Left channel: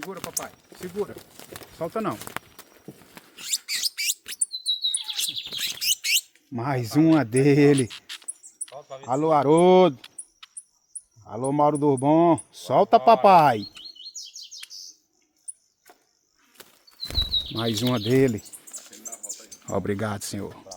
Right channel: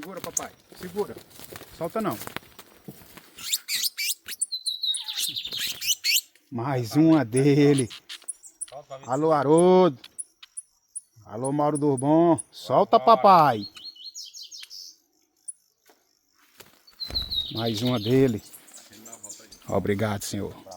Segura, papai. Segura. Solta não. Mais uma dele. Alô, Haroldo. Alô, Mauro Durbon. Solta, papai. Mais uma dele. Obrigado, senhor.